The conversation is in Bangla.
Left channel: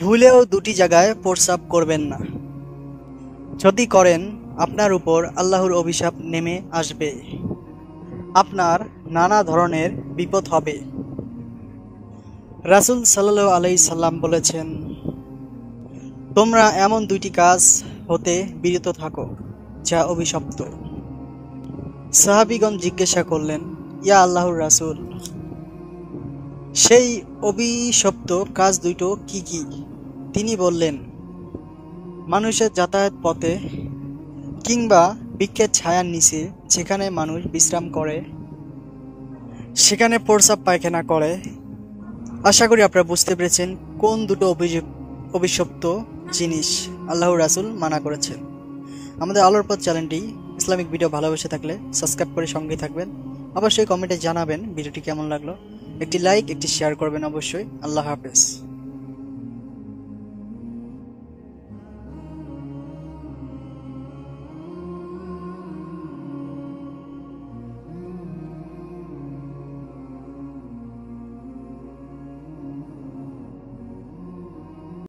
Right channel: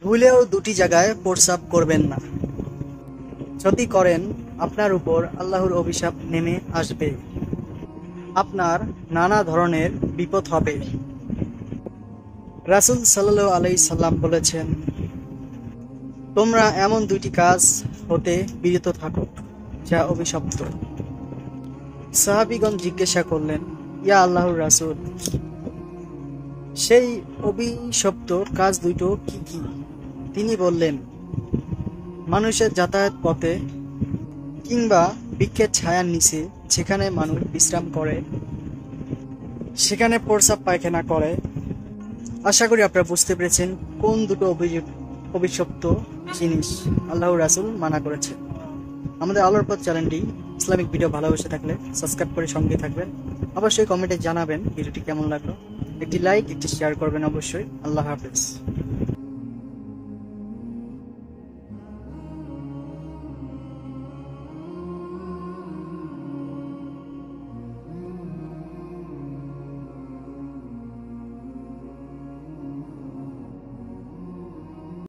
ভুলেও দুটি জায়গায় প্রস্রাব করবেন না। যদি করেন আপনার উপর আল্লাহর অভিশাপ নেমে আসবে, আপনার নানা ধরনের বিপদ হবে। রাসূল সাল্লাল্লাহু আলাইহি সাল্লাম বলেছেন, তোমরা এমন দুইটি কাজ হতে বিরত থাকো যা অভিশপ্ত। সাহাবীগণ জিজ্ঞাসা করলেন, ইয়া আল্লাহর রাসূল, সেই অভিশপ্ত কাজ দুটো কি কি? তিনি বললেন, মানুষের যাতায়াত পথে কিংবা বৃক্ষের ছায়ার নিচে যেখানে মানুষ বিশ্রাম করে সেখানে প্রস্রাব পায়খানা করে। আশা করি আপনারা বুঝতে পেরেছেন কোন দুটো অভিশপ্ত জিনিস আল্লাহর রাসূল মানা করেছেন। আমাদের আলোর পথ চ্যানেলটি ইসলামিক ভিডিও ভালোবেসে থাকলে সাবস্ক্রাইব করে সঙ্গে থাকবেন। অবশ্যই কমেন্টে জানাবেন ভিডিওটি কেমন লাগলো। একটি লাইক, একটি শেয়ার করবেন অবশ্যই। আল্লাহ হাফেজ।